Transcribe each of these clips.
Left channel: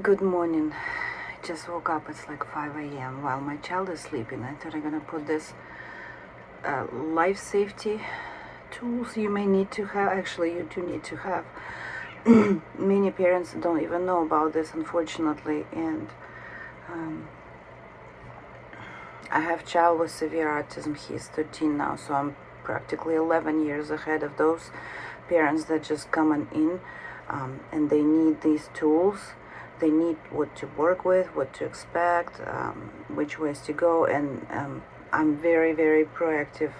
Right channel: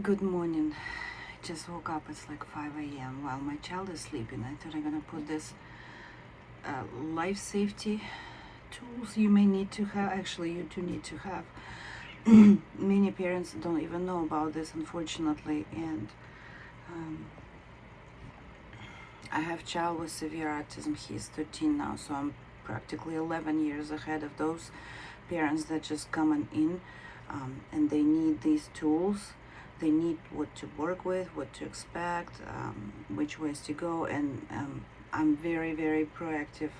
Good morning. I just woke up. It's like 5 a.m. while my child is sleeping. I thought I'm gonna put this life safety tools you may need to have. Actually, you do need to have. Many parents don't even know about this, unfortunately. And I have a child with severe autism. He's 13 now, so I'm practically 11 years ahead of those parents that just coming in, and they need these tools. They need what to work with, what to expect, which ways to go, and I'm very, very proactive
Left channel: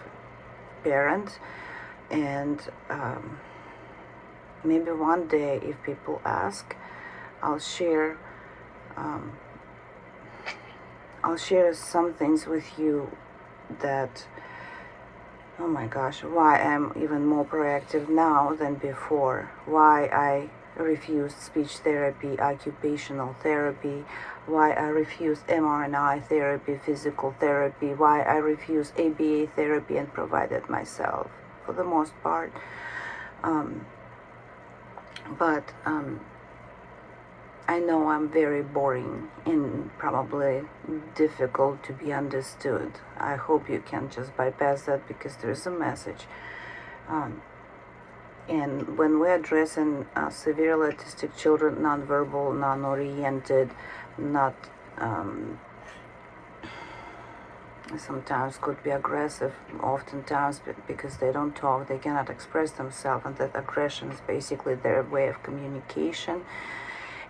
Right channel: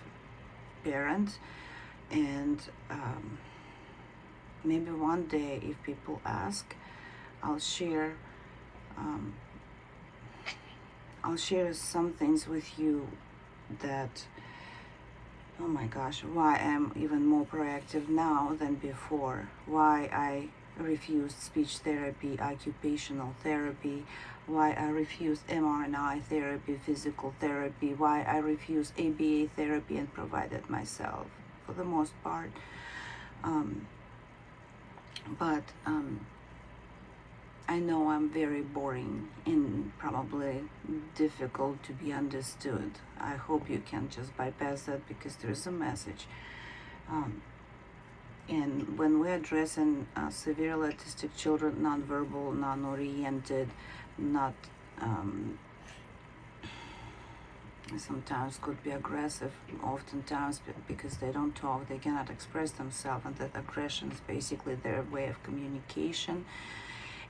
parent, and maybe one day, if people ask, I'll share some things with you that, oh my gosh, why I'm even more proactive now than before, why I refused speech therapy, occupational therapy, why I refused mRNA therapy, physical therapy, why I refused ABA therapy and provided myself for the most part. But I know I'm very boring and probably difficult to be understood. I hope you can just bypass that because there's a message. And when we're addressing severely autistic children, nonverbal, non-oriented, not sometimes could be aggressive, oftentimes because they don't talk, they cannot express themselves, and that aggression is basically their way of communication.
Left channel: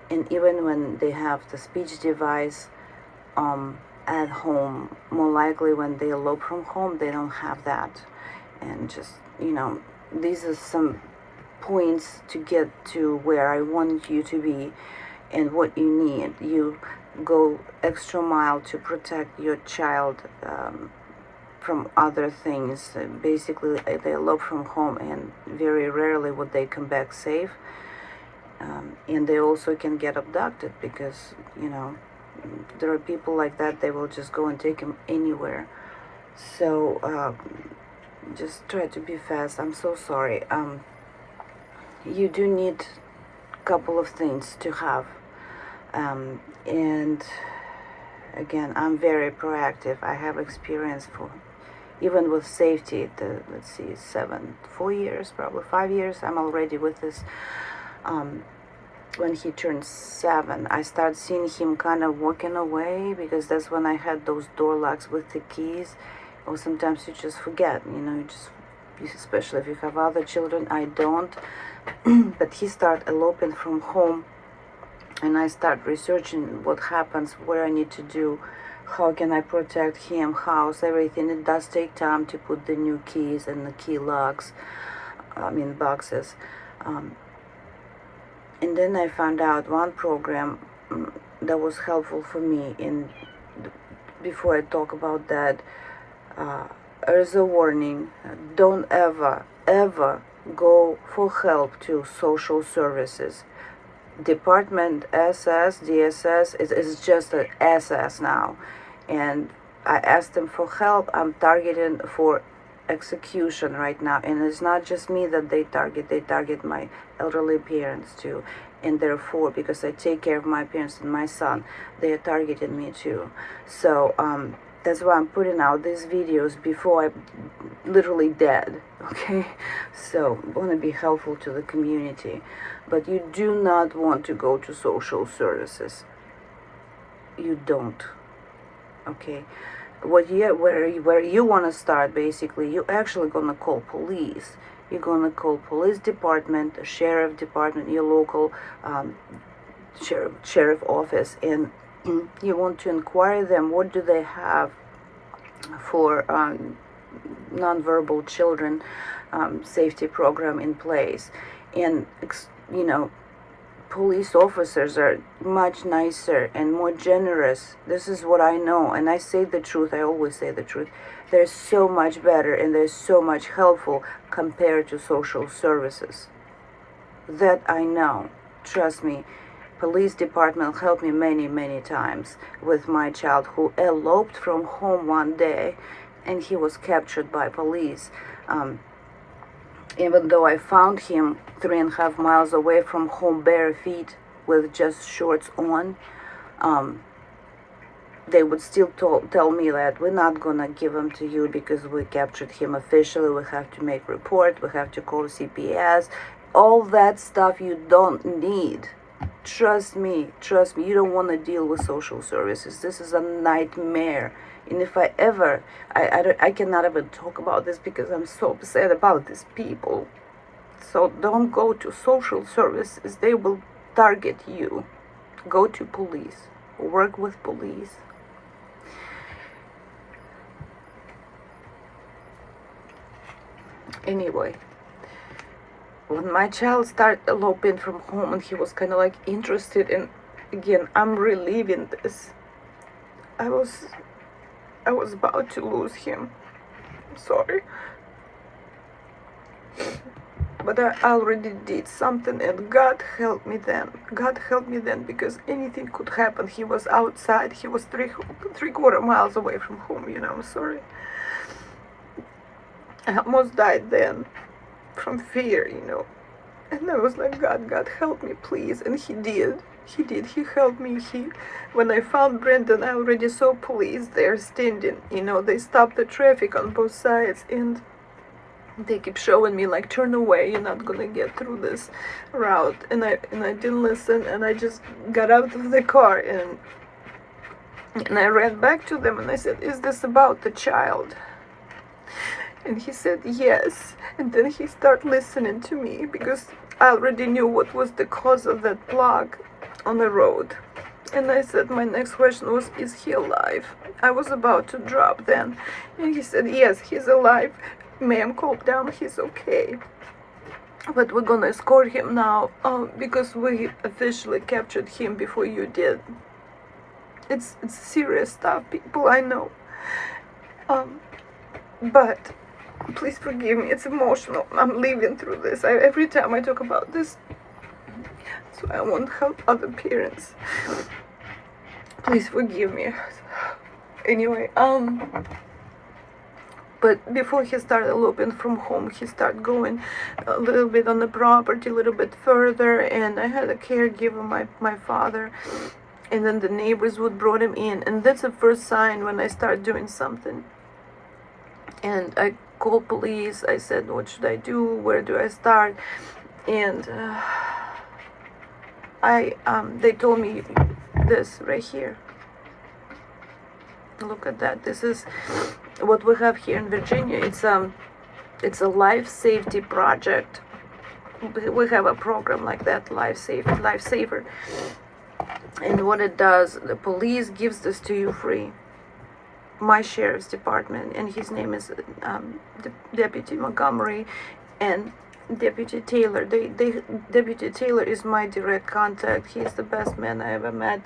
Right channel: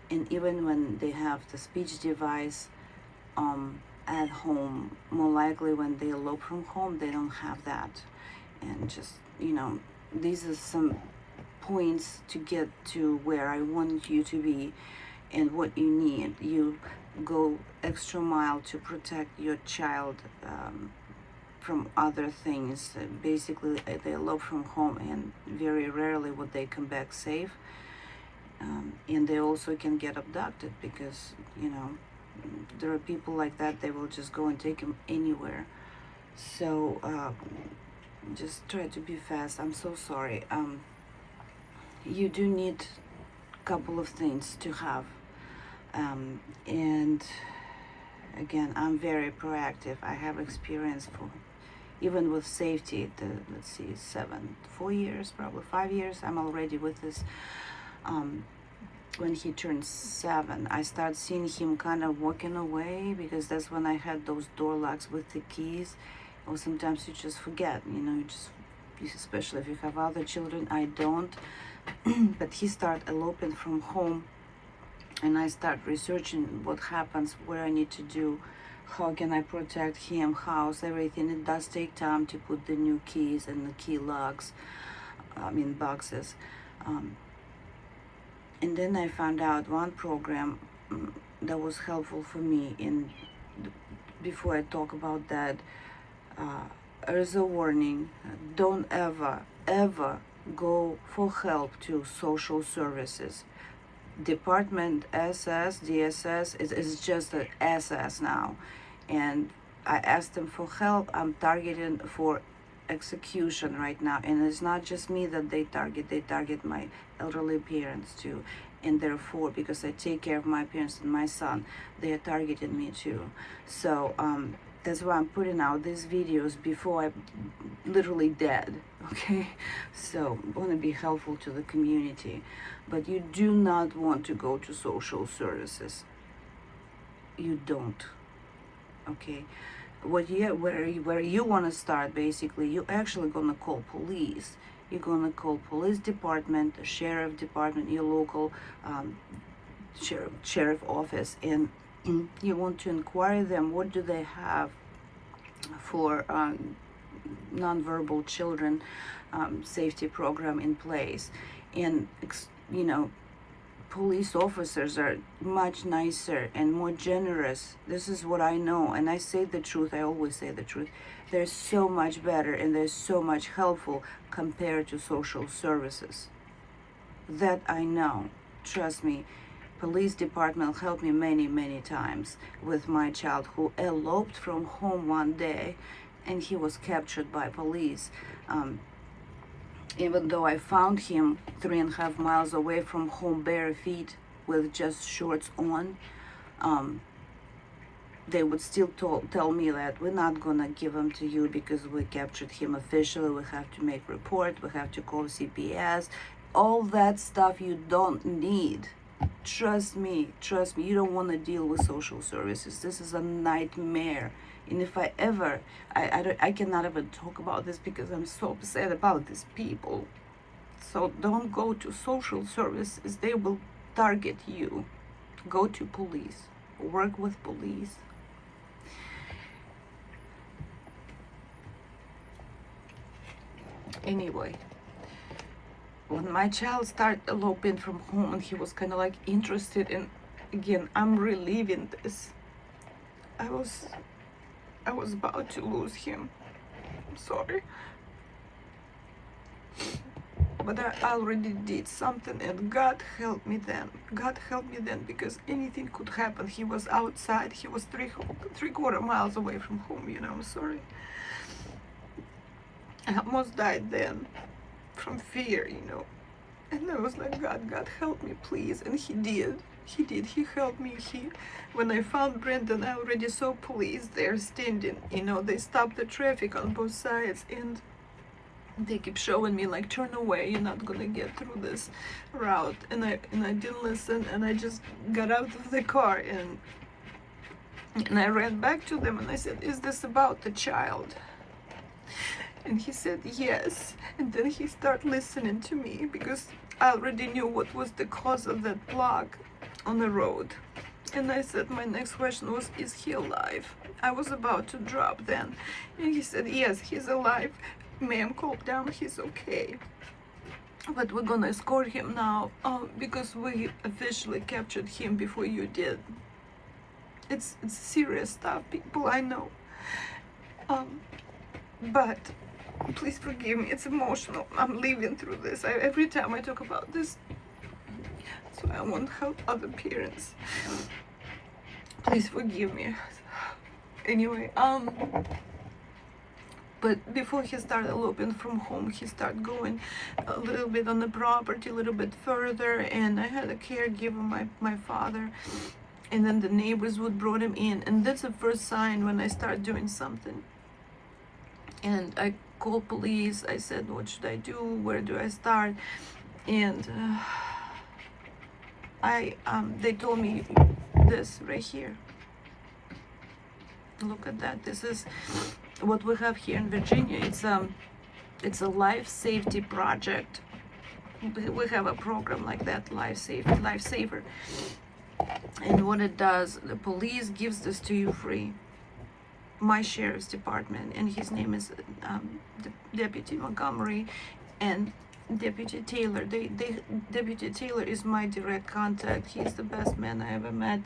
And even when they have the speech device at home, more likely when they elope from home, they don't have that. And just, these are some points to get to where I want you to be and what you need. You go extra mile to protect your child from other things. Basically, they elope from home, and very rarely would they come back safe. And they also can get abducted because, there are people like that, they will just go and take them anywhere. So just try to be fast. I'm so sorry. You do need a couple of things to have. And again, I'm very proactive. I have experience even with safety, let's see, 4 years, probably 5 years, I'm already with this. When he turned 7, I started seeing him kind of walking away, because that's when I had those door locks with the keys. Or sometimes you just forget, especially if you have other children. I don't. But he started eloping from home, and I start researching what happens, what I need to do, how can I protect him, house, everything. It does take time to put the new keys and the key locks, boxes. And then I found out one program that was helpful for me. And before I talk about that, there's a warning: don't ever go for help to social services. Department SS, DSS is just an SS now. And I asked them for help. I'm targeted for execution right now, and it's not just me that they target my elderly parents too. And therefore, because I take care of my parents and my son, they targeted me too. So that's why I'm putting out these videos before I'm literally dead, okay? So I want to be helpful to the community. But you do not want to go to social services. You don't, okay? Where you want to start, basically, you're actually going to call police. You're going to call police department, sheriff department, your local sheriff office, and you want to inquire them, what do they have for nonverbal children safety program in place. And police officers are much nicer and more generous. This is what I know, and I say the truth. I always say the truth. They're so much better, and they're so much helpful compared to social services. That I know. Trust me. Police department helped me many times with my child, who eloped from home one day, and he was captured by police. Even though I found him 3.5 miles away from home, bare feet, with just shorts on, they would still tell me that we're not gonna give him to you because we captured him officially, we have to make report, we have to call CPS, all that stuff you don't need. Trust me, you don't want to deal with social services. This is a nightmare. And if I cannot even talk about this because I'm so upset about these people. So don't go to social services, they will target you. Go to police, work with police. Anyway, when my child started eloping from home and he was kind of like interested in, again, I'm reliving this. I was about to lose him. I'm sorry. But I already did something, and God helped me then. God helped me then, because anything could happen. He was outside. He was three-quarter miles away from home, you know. I'm sorry. I almost died then from fear, you know. And I was like, God, help me, please. And he did. He helped me. When I found Brendan, I already saw police there standing. You know, they stopped the traffic on both sides, and they keep showing me like, turn away, you're not gonna get through this route. And I didn't listen, and I just got out of the car and I ran back to them and I said, is this about the child? And he said yes. And then he started listening to me, because I already knew what was the cause of that block on the road. And I said, my next question was, is he alive? I was about to drop then. And he said, yes, he's alive. Ma'am, calm down, he's okay. But we're gonna escort him now because we officially captured him before you did. It's serious stuff, people, I know. But please forgive me, it's emotional. I'm living through this. Every time I talk about this, so I won't help other parents. Please forgive me. Anyway, but before he started eloping from home, he started going a little bit on the property, a little bit further, and I had a caregiver, my father, and then the neighbors would brought him in, and that's the first sign when I start doing something. And I called police. I said, what should I do? Where do I start? And they told me this right here. Look at that. This is what we have here in Virginia. It's a life safety project. We have a program like that, Lifesaver. And what it does, the police gives this to you free. My sheriff's department, and his name is Deputy Montgomery and Deputy Taylor. Deputy Taylor is my direct contact. He's the best man I ever met.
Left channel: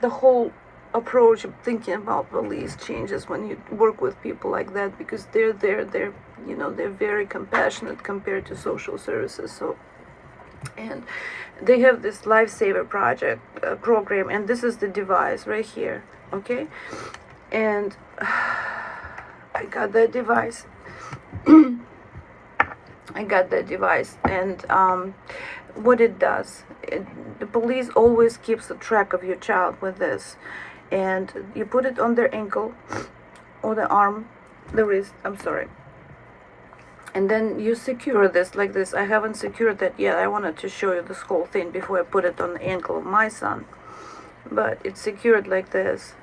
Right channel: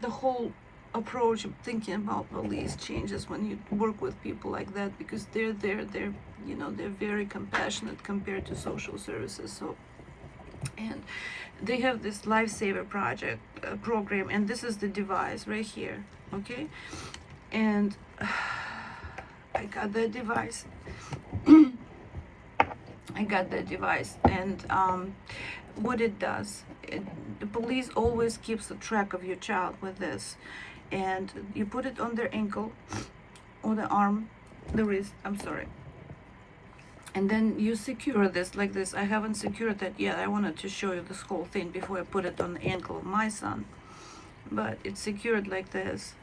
The whole approach of thinking about police changes when you work with people like that, because they're very compassionate compared to social services. So, and they have this Lifesaver project program, and this is the device right here, okay? And I got that device. And what it does, the police always keeps a track of your child with this. And you put it on their ankle, or the arm, the wrist, I'm sorry. And then you secure this like this. I haven't secured that yet. I wanted to show you this whole thing before I put it on the ankle of my son. But it's secured like this.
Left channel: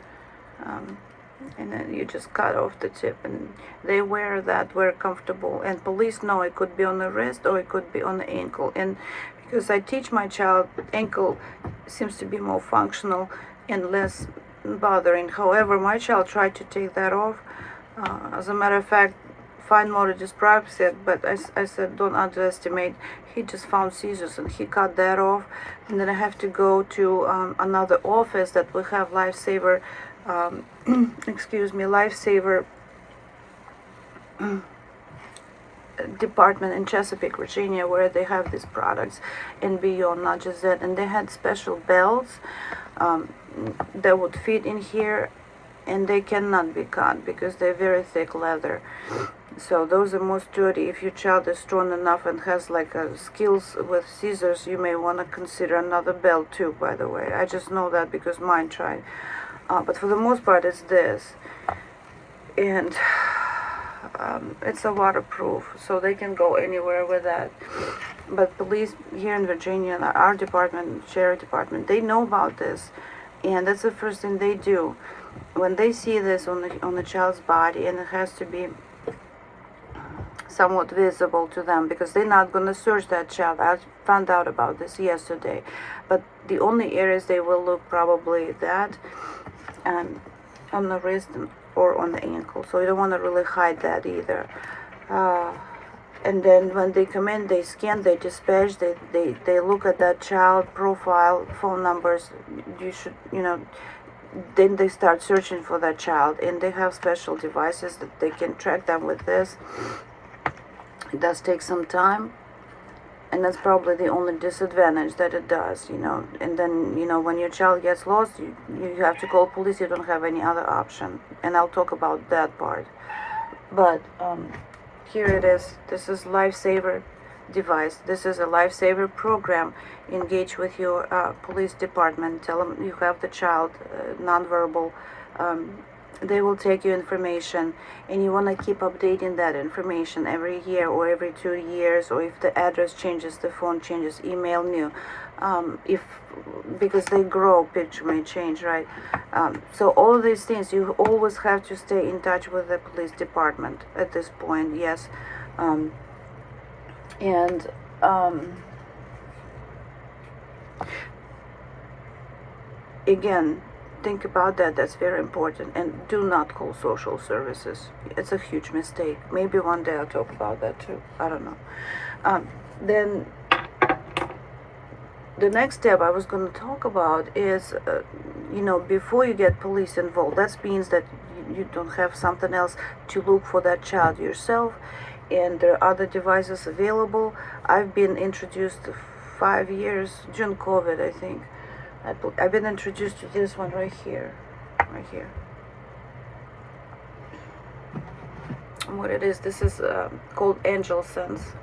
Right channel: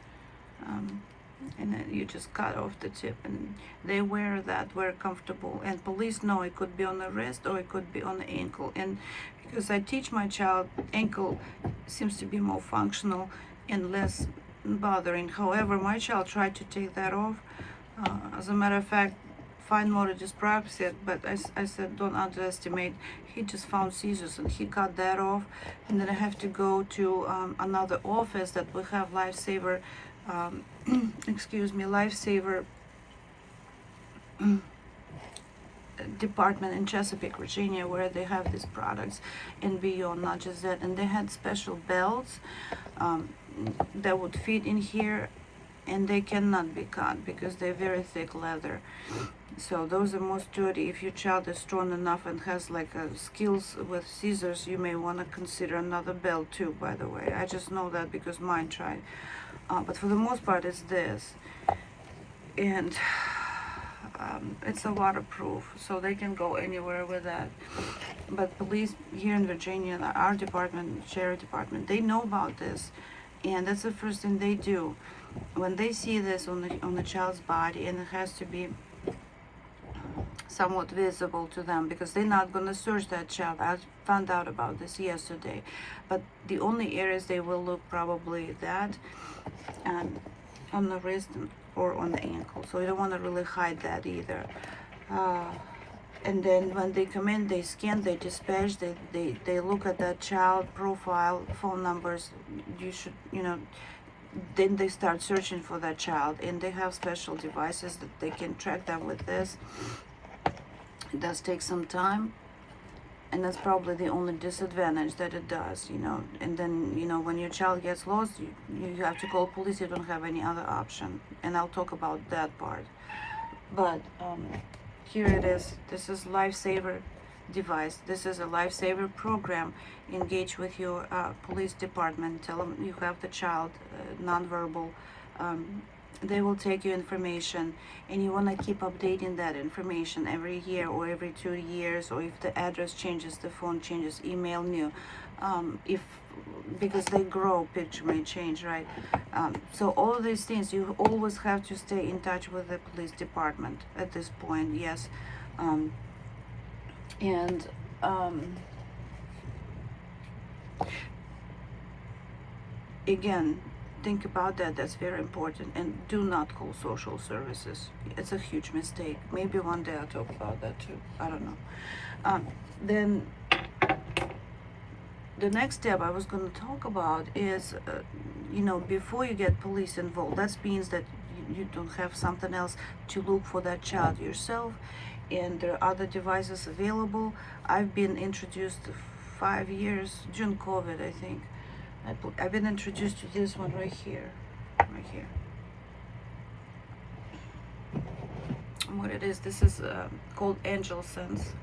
And then you just cut off the tip, and they wear that very comfortable. And police know it could be on the wrist or it could be on the ankle. And because I teach my child, ankle seems to be more functional and less bothering. However, my child tried to take that off. As a matter of fact, fine motor dyspraxia, but I said don't underestimate. He just found seizures and he cut that off. And then I have to go to another office that we have Lifesaver, Lifesaver department in Chesapeake, Virginia, where they have these products and beyond. Not just that, and they had special belts that would fit in here, and they cannot be cut because they're very thick leather. So those are most sturdy. If your child is strong enough and has like skills with scissors, you may want to consider another belt too, by the way. I just know that because mine tried. But for the most part, it's this. And it's a waterproof, so they can go anywhere with that. But police here in Virginia, our department, sheriff department, they know about this. And that's the first thing they do. When they see this on the child's body, and it has to be somewhat visible to them, because they're not going to search that child. I found out about this yesterday. But the only areas they will look, probably that and on the wrist or on the ankle. So you don't want to really hide that either. And then when they come in, they scan, they dispatch, they look at that child profile, phone numbers. You should, then they start searching for that child, and they have special devices that they can track them with this. It does take some time, and that's probably the only disadvantage that it does, And then, when your child gets lost, you have to call police. You don't have any other option, and I'll talk about that part. But here it is. This is Lifesaver device. This is a Lifesaver program. Engage with your police department. Tell them you have the child, nonverbal. They will take your information, and you want to keep updating that information every year or every 2 years, or if the address changes, the phone changes, email new. Because they grow, picture may change, right? So all of these things, you always have to stay in touch with the police department at this point, yes. Again, think about that. That's very important. And do not call social services. It's a huge mistake. Maybe one day I'll talk about that too. I don't know. Then the next step I was going to talk about is, before you get police involved, that means that you don't have something else to look for that child yourself, and there are other devices available. I've been introduced 5 years, during COVID, I think. I've been introduced to this one right here. And what it is, this is called Angel Sense,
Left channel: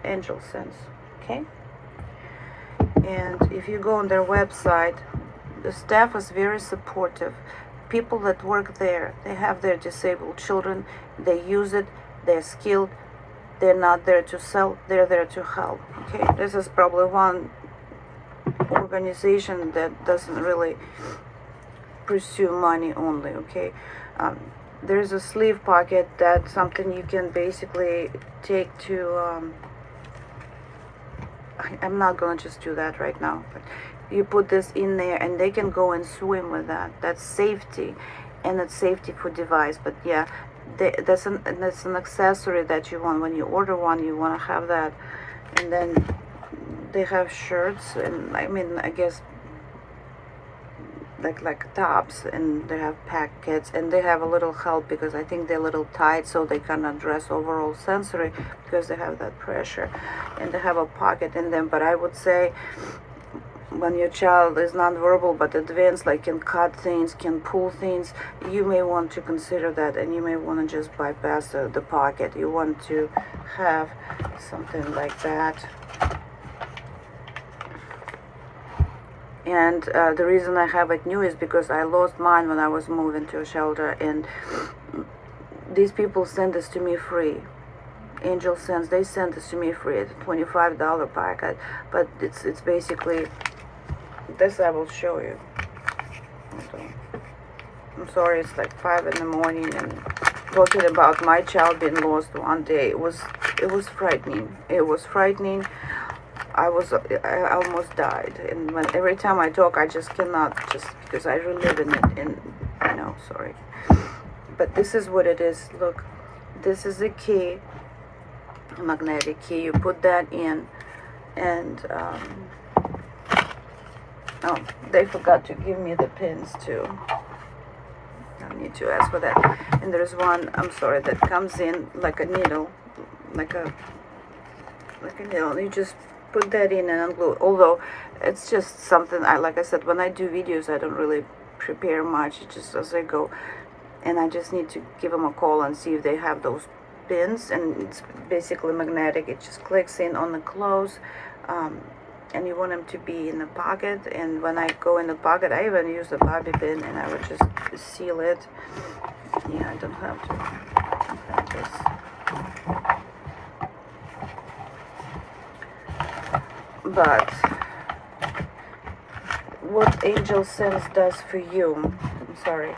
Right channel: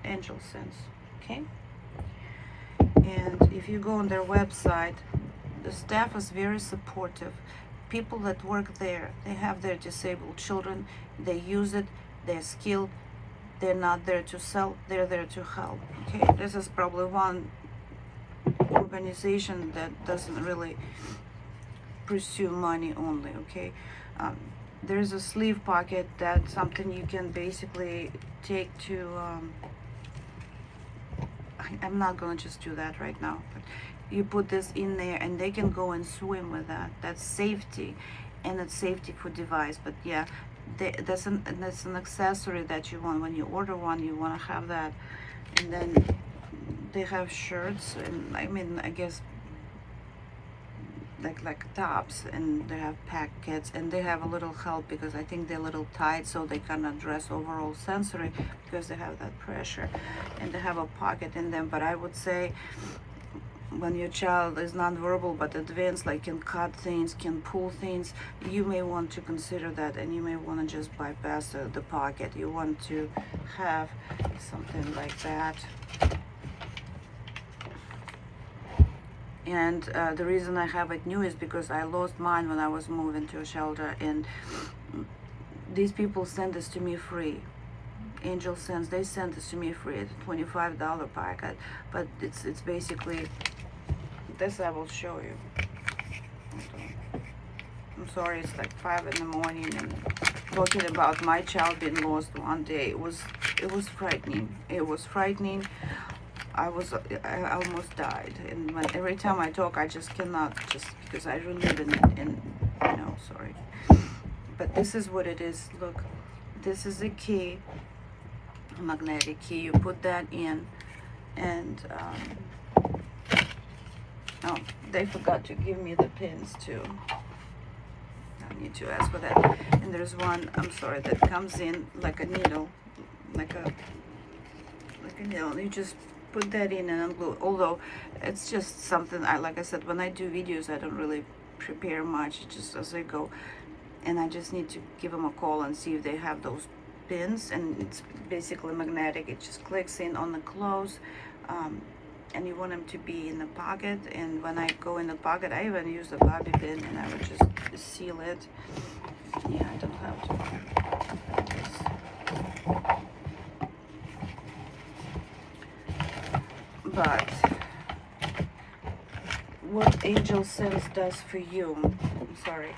okay? And if you go on their website, the staff is very supportive. People that work there, they have their disabled children, they use it, they're skilled, they're not there to sell, they're there to help, okay? This is probably one organization that doesn't really pursue money only, okay? There's a sleeve pocket, that's something you can basically take to, I'm not gonna just do that right now, but you put this in there and they can go and swim with that. That's safety, and it's safety for device. But yeah, that's an accessory that you want. When you order one, you want to have that. And then they have shirts, and I guess like tops, and they have packets, and they have a little help because I think they're a little tight, so they cannot dress overall sensory because they have that pressure, and they have a pocket in them. But I would say, when your child is nonverbal but advanced, like can cut things, can pull things, you may want to consider that, and you may want to just bypass the pocket. You want to have something like that. And the reason I have it new is because I lost mine when I was moving to a shelter, and these people sent this to me free. Angel Sense, they sent this to me free. It's a $25 packet, but it's basically this. I will show you. Okay. I'm sorry, it's like 5 in the morning, and talking about my child being lost one day, it was frightening. It was frightening. I almost died, and every time I talk, I just cannot, just because I relive in it, and sorry. But this is what it is. Look, this is a key, a magnetic key. You put that in, and oh, they forgot to give me the pins too. I need to ask for that. And there's one, I'm sorry, that comes in like a needle, like a needle. You just put that in and unglue. Although it's just something like I said, when I do videos, I don't really prepare much. It's just as I go. and I just need to give them a call and see if they have those pins, and it's basically magnetic. It just clicks in on the clothes, and you want them to be in the pocket. And when I go in the pocket, I even use the bobby pin, and I would just seal it. Yeah, I don't have to. I have this. But what Angel Sense does for you, I'm sorry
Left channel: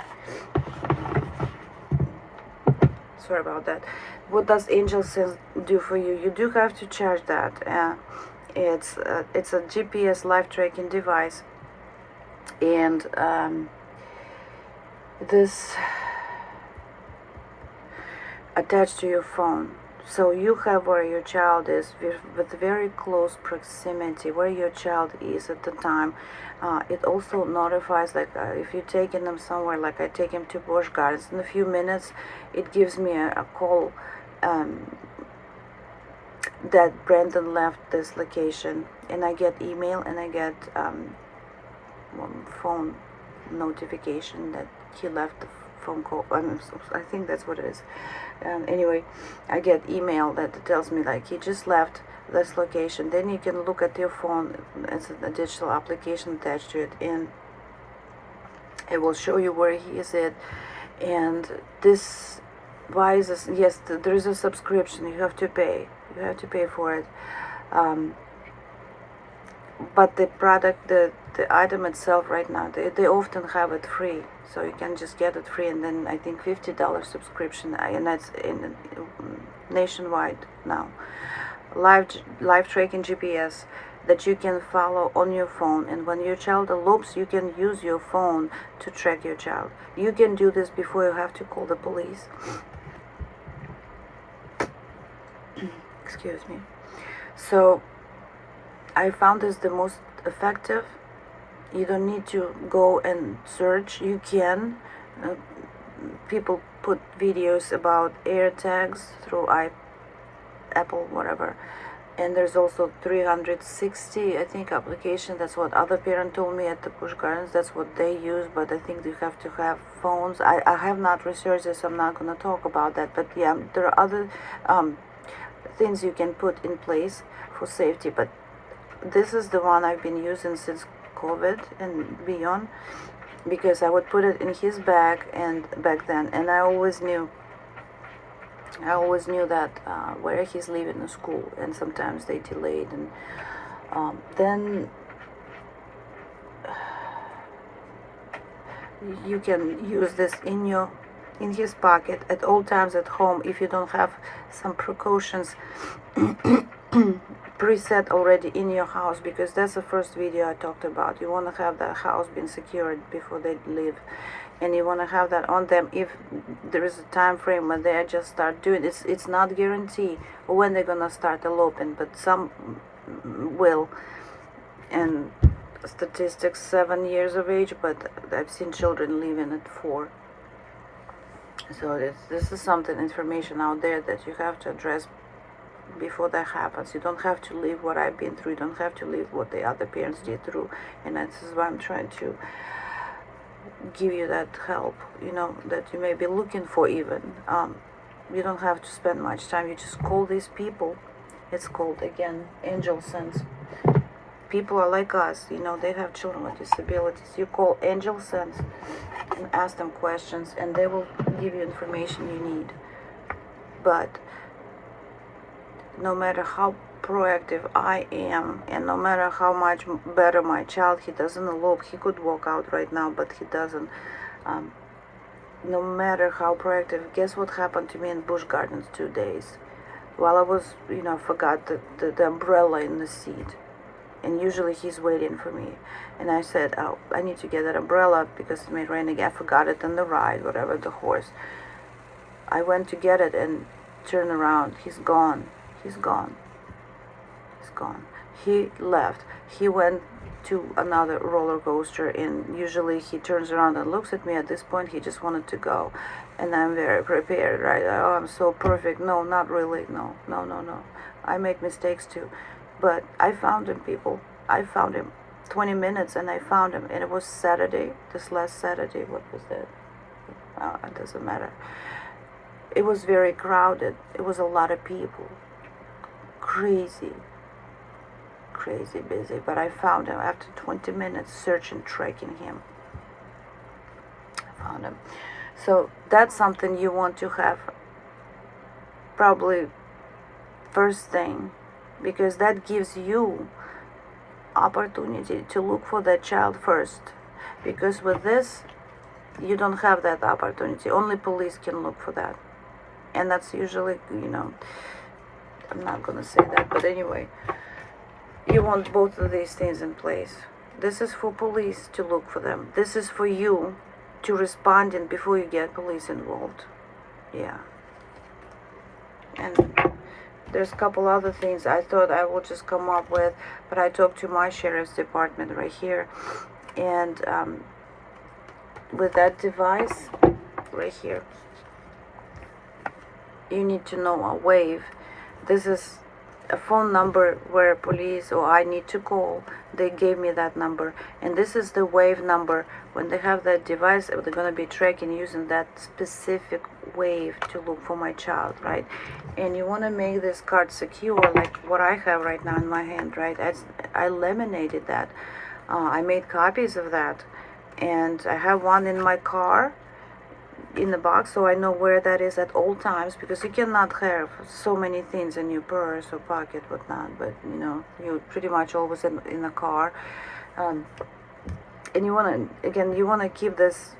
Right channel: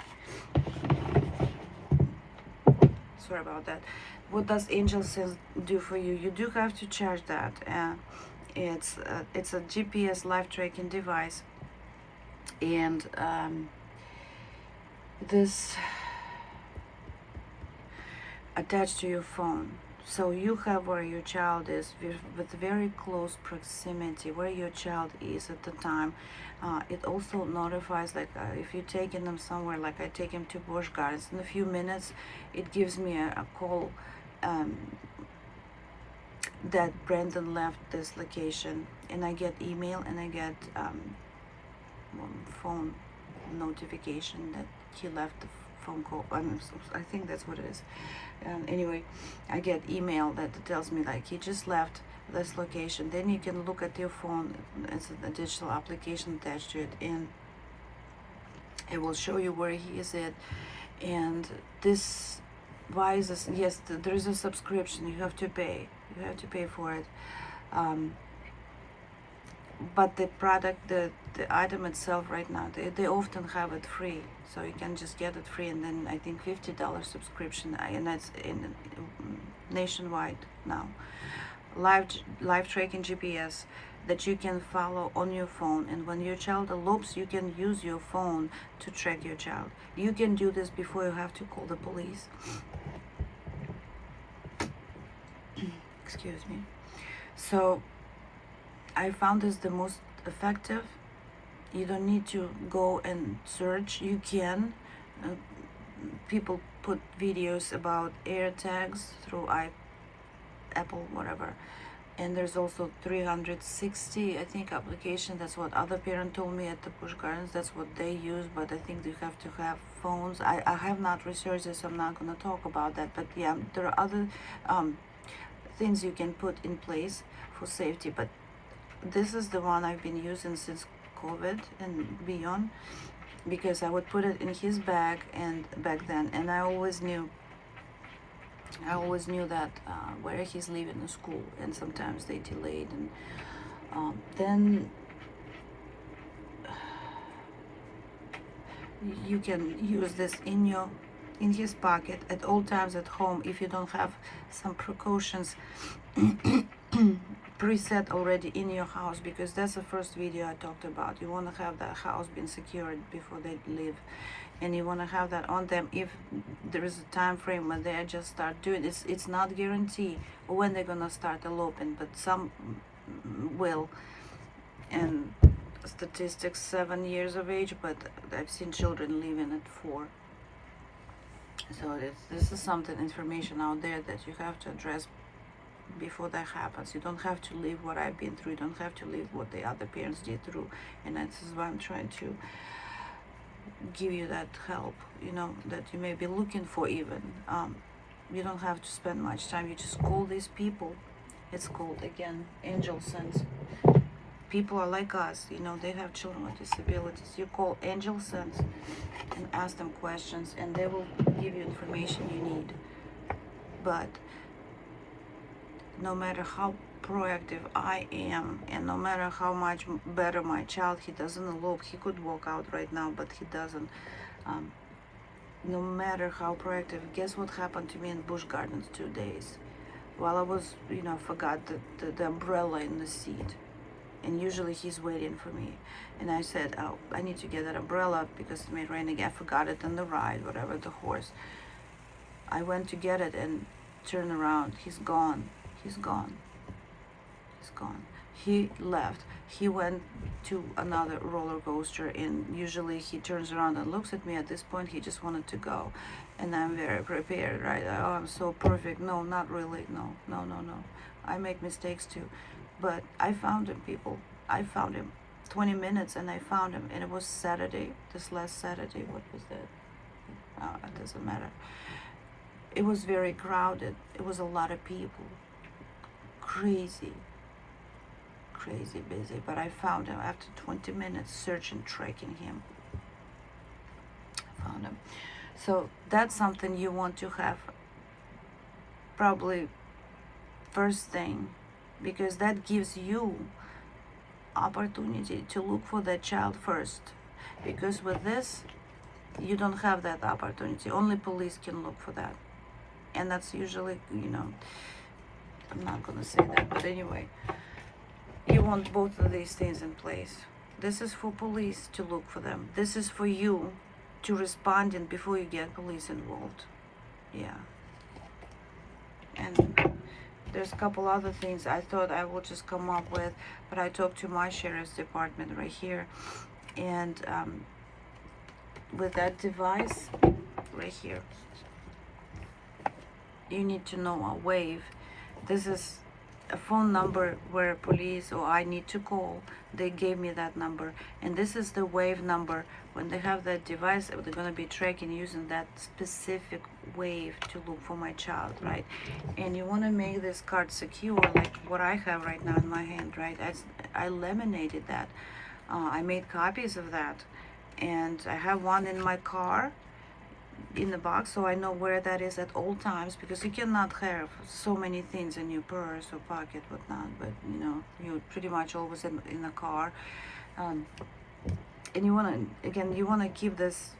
about that. What does Angel Sense do for you? You do have to charge that. It's a GPS life tracking device, and this attached to your phone. So you have where your child is with very close proximity, where your child is at the time. It also notifies, like if you're taking them somewhere, like I take him to Busch Gardens, in a few minutes it gives me a call that Brandon left this location, and I get email, and I get phone notification that he left the phone call. I think that's what it is. Anyway, I get email that tells me like he just left this location. Then you can look at your phone. It's a digital application attached to it, and it will show you where he is at. And this device, yes, there is a subscription. You have to pay. You have to pay for it. But the product, the item itself right now, they often have it free. So you can just get it free, and then I think $50 subscription, and that's nationwide now. Live tracking GPS that you can follow on your phone, and when your child elopes, you can use your phone to track your child. You can do this before you have to call the police. Excuse me. So I found this the most effective. You don't need to go and search. You can. People put videos about AirTags through Apple, whatever. And there's also 360, I think, application. That's what other parent told me at the Busch Gardens. That's what they use, but I think you have to have phones. I have not researched this, so I'm not going to talk about that. But yeah, there are other things you can put in place for safety. But this is the one I've been using since COVID and beyond, because I would put it in his bag, and back then, and I always knew that where he's leaving the school, and sometimes they delayed, and then you can use this in his pocket at all times at home if you don't have some precautions preset already in your house, because that's the first video I talked about. You want to have that house being secured before they leave, and you want to have that on them if there is a time frame when they just start doing it. It's not guaranteed when they're gonna start eloping, but some will. And statistics 7 years of age, but I've seen children leaving at 4. So this is something, information out there that you have to address before that happens. You don't have to live what I've been through. You don't have to live what the other parents did through. And this is why I'm trying to give you that help, that you may be looking for even. You don't have to spend much time. You just call these people. It's called, again, Angel Sense. People are like us, they have children with disabilities. You call Angel Sense and ask them questions, and they will give you information you need. But no matter how proactive I am, and no matter how much better my child, he doesn't elope. He could walk out right now, but he doesn't. No matter how proactive, guess what happened to me in Busch Gardens 2 days? While I was, forgot the umbrella in the seat. And usually he's waiting for me. And I said, oh, I need to get that umbrella because it may rain again. I forgot it on the ride, whatever, the horse. I went to get it and turn around. He's gone. He's gone. He's gone. He left. He went to another roller coaster, and usually he turns around and looks at me. At this point, he just wanted to go. And I'm very prepared, right? Oh, I'm so perfect. No, not really. No. I make mistakes too. But I found him, people. I found him. 20 minutes and I found him. And it was Saturday, this last Saturday. What was that? it doesn't matter. It was very crowded. It was a lot of people. Crazy busy. But I found him after 20 minutes searching, tracking him. I found him. So that's something you want to have probably first thing, because that gives you opportunity to look for that child first. Because with this, you don't have that opportunity. Only police can look for that. And that's usually, I'm not gonna say that, but anyway, you want both of these things in place. This is for police to look for them. This is for you to respond in before you get police involved. Yeah. And there's a couple other things I thought I would just come up with, but I talked to my sheriff's department right here, and with that device right here, you need to know a wave. This is a phone number where police or I need to call. They gave me that number, and this is the wave number. When they have that device, they're going to be tracking using that specific wave to look for my child, right? And you want to make this card secure, like what I have right now in my hand, right? I laminated that. I made copies of that, and I have one in my car in the box, so I know where that is at all times, because you cannot have so many things in your purse or pocket, whatnot, but you're pretty much always in the car. And you want to keep this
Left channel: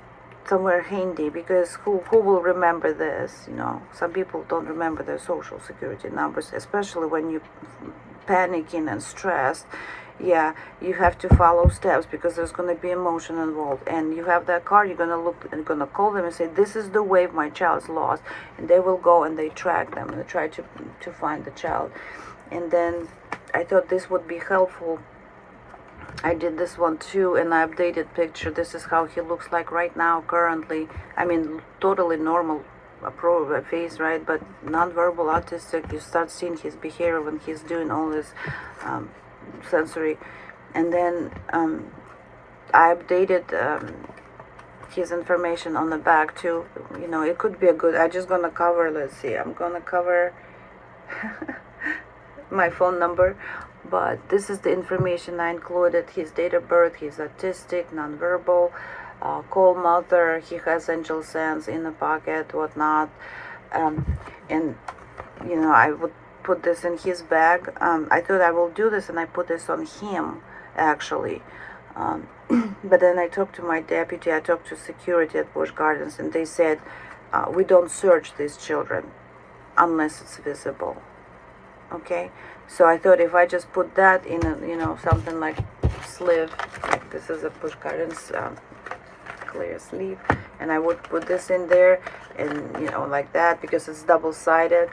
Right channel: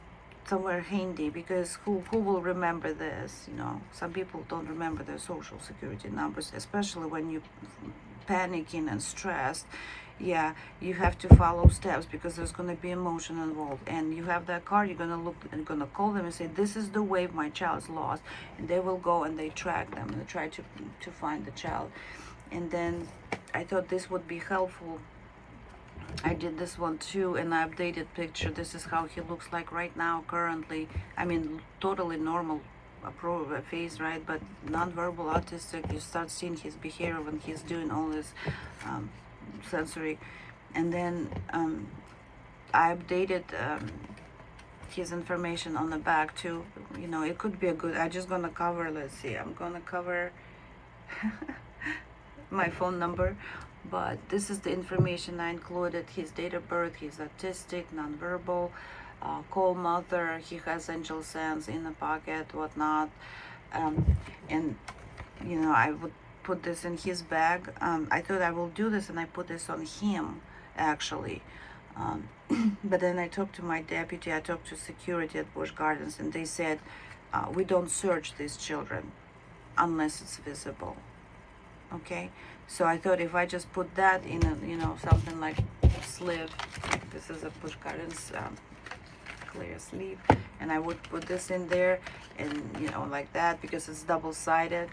somewhere handy, because who will remember this? Some people don't remember their social security numbers, especially when you're panicking and stressed. Yeah, you have to follow steps, because there's going to be emotion involved. And you have that card, you're going to look and going to call them and say, this is the wave my child's lost. And they will go and they track them and they try to find the child. And then I thought this would be helpful. I did this one too, and I updated picture. This is how he looks like right now, currently. I mean, totally normal face, right? But nonverbal autistic, you start seeing his behavior when he's doing all this sensory. And then I updated his information on the back too. It could be a good, I'm just gonna cover, let's see, I'm gonna cover my phone number, but this is the information I included: his date of birth, he's autistic, nonverbal, cold mother, he has angel sense in the pocket, whatnot. And I would put this in his bag. I thought I will do this, and I put this on him actually. But then I talked to my deputy, I talked to security at Busch Gardens, and they said we don't search these children unless it's visible. Okay, so I thought if I just put that in a, something like sleeve, like this is a Busch Gardens clear sleeve, and I would put this in there, and like that, because it's double-sided.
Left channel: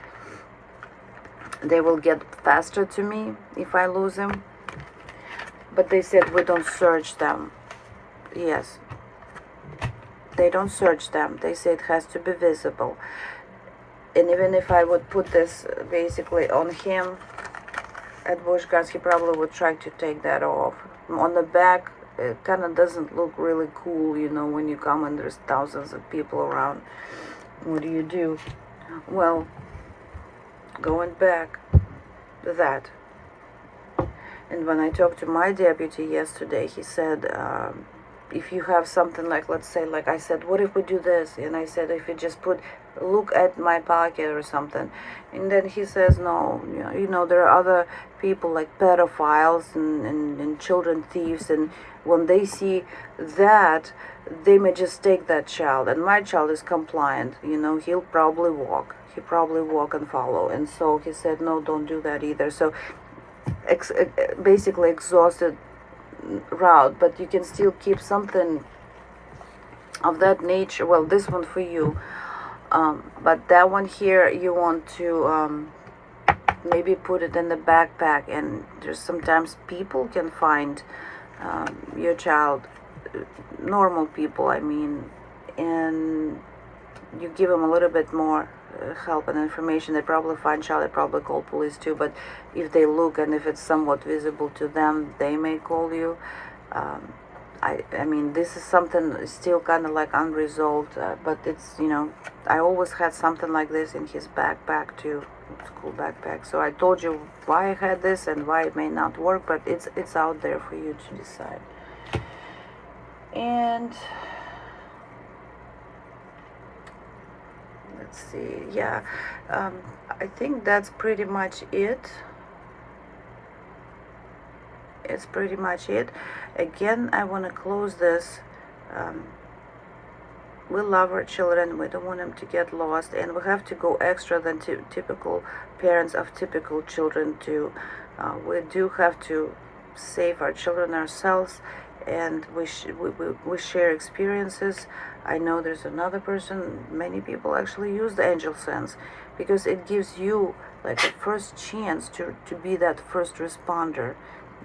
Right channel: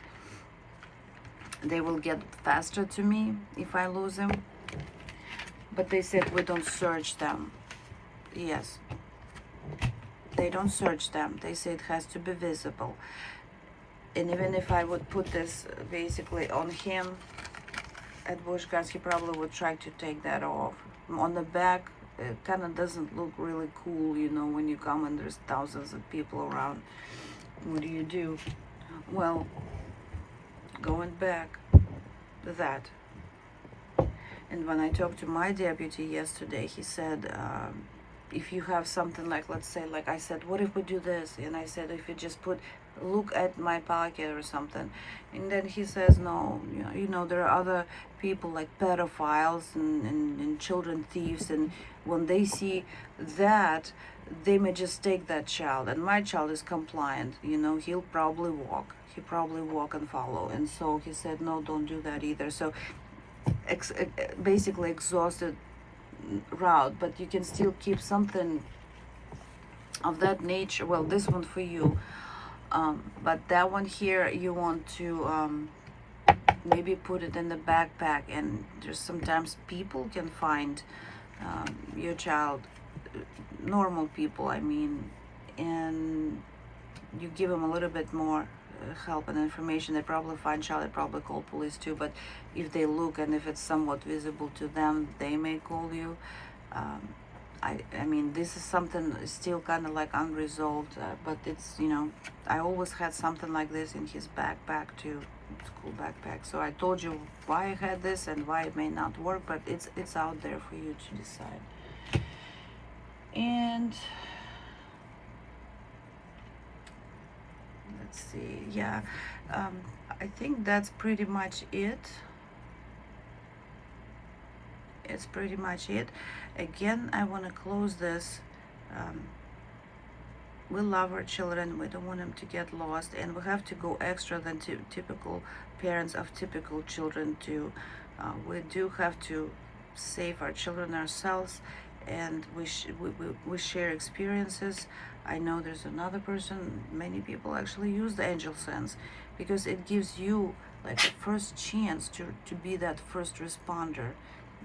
They will get faster to me if I lose them. But they said we don't search them. Yes, they don't search them. They say it has to be visible. And even if I would put this basically on him at Busch Gardens, he probably would try to take that off. On the back, it kind of doesn't look really cool, when you come and there's thousands of people around. What do? Well, going back to that, and when I talked to my deputy yesterday, he said, if you have something like, let's say, like I said, what if we do this? And I said, if you just look at my pocket or something. And then he says, no, there are other people like pedophiles and children thieves, and when they see that, they may just take that child, and my child is compliant, he'll probably walk and follow. And so he said, no, don't do that either. So basically exhausted route, but you can still keep something of that nature. Well, this one for you, but that one here, you want to maybe put it in the backpack. And there's sometimes people can find your child, normal people, I mean, and you give them a little bit more help and information. They probably find child, they probably call police too, but if they look and if it's somewhat visible to them, they may call you. I mean, this is something still kind of like unresolved, but it's, you know, I always had something like this in his backpack too, school backpack. So I told you why I had this and why it may not work, but it's out there for you to decide. And let's see, yeah, I think that's pretty much it. It's pretty much it. Again, I want to close this. We love our children. We don't want them to get lost, and we have to go extra than typical parents of typical children do. We do have to save our children ourselves, and we share experiences. I know there's another person, many people actually use the angel sense because it gives you like a first chance to be that first responder,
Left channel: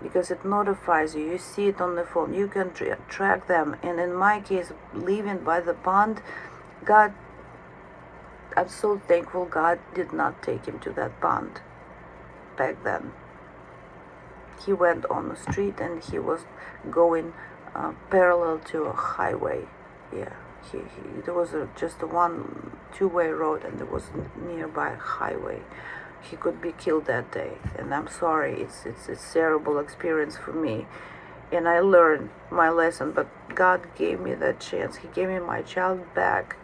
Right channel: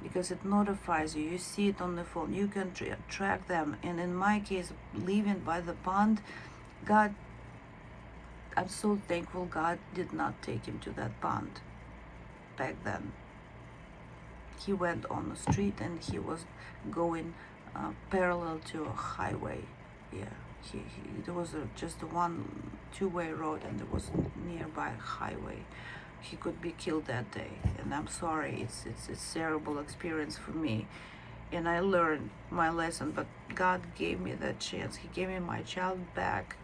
because it notifies you. You see it on the phone. You can track them. And in my case, living by the pond, God, I'm so thankful God did not take him to that pond back then. He went on the street and he was going parallel to a highway. Yeah, there was just a two-way road, and there was nearby a highway. He could be killed that day, and I'm sorry. It's a terrible experience for me, and I learned my lesson. But God gave me that chance. He gave me my child back.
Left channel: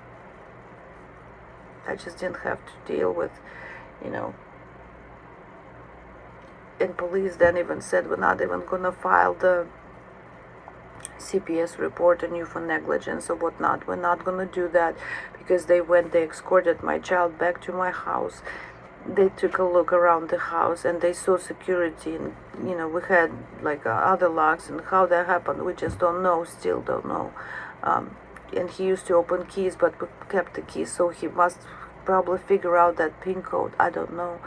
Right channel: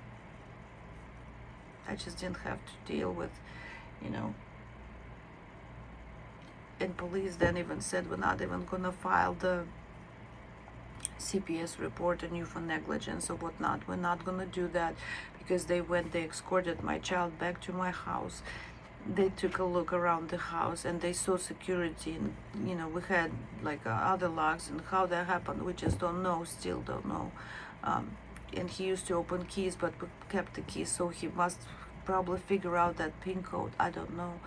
I just didn't have to deal with, you know. And police then even said we're not even gonna file the CPS report on you for negligence or whatnot. We're not gonna do that because they escorted my child back to my house. They took a look around the house and they saw security, and you know, we had like other locks, and how that happened we just don't know, still don't know. And he used to open keys, but we kept the keys, so he must probably figure out that PIN code. I don't know.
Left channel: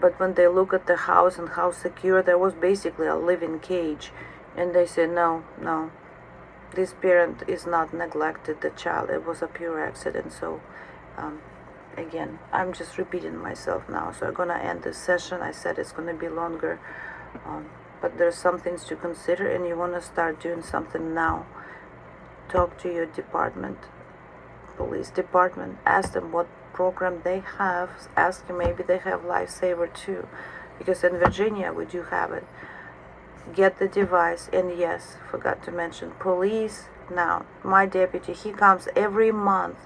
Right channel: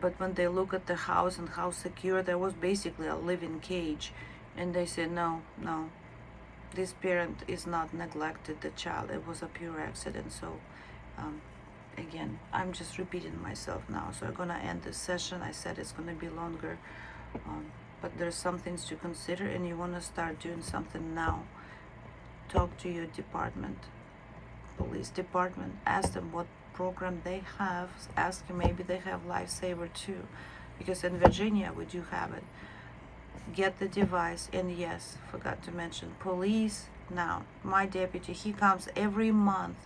But when they look at the house and how secure, there was basically a living cage, and they said no, this parent is not neglected the child, it was a pure accident. So again, I'm just repeating myself now, so I'm gonna end this session. I said it's gonna be longer, but there's some things to consider, and you want to start doing something now. Talk to your department, police department, ask them what program they have. Ask them, maybe they have Lifesaver too, because in Virginia we do have it. Get the device. And yes, forgot to mention police. Now my deputy, he comes every month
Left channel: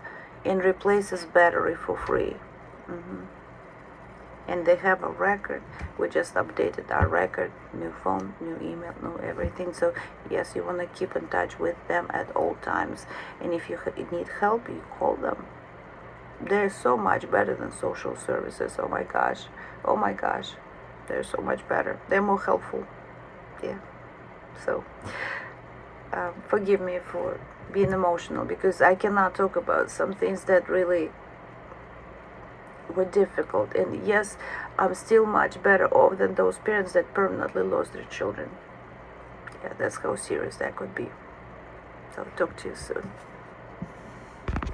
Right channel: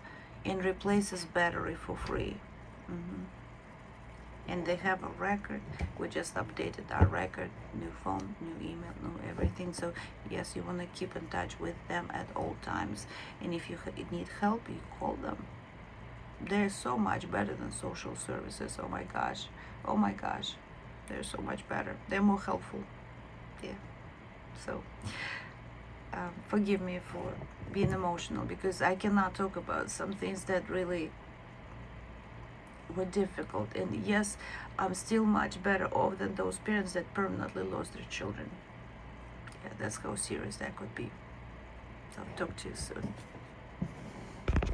and replaces battery for free. And they have a record. We just updated our record, new phone, new email, new everything. So yes, you want to keep in touch with them at all times, and if you need help, you call them. They're so much better than social services. Oh my gosh, they're so much better. They're more helpful. Yeah. So forgive me for being emotional, because I cannot talk about some things that really were difficult. And yes, I'm still much better off than those parents that permanently lost their children. Yeah, that's how serious that could be. So talk to you soon.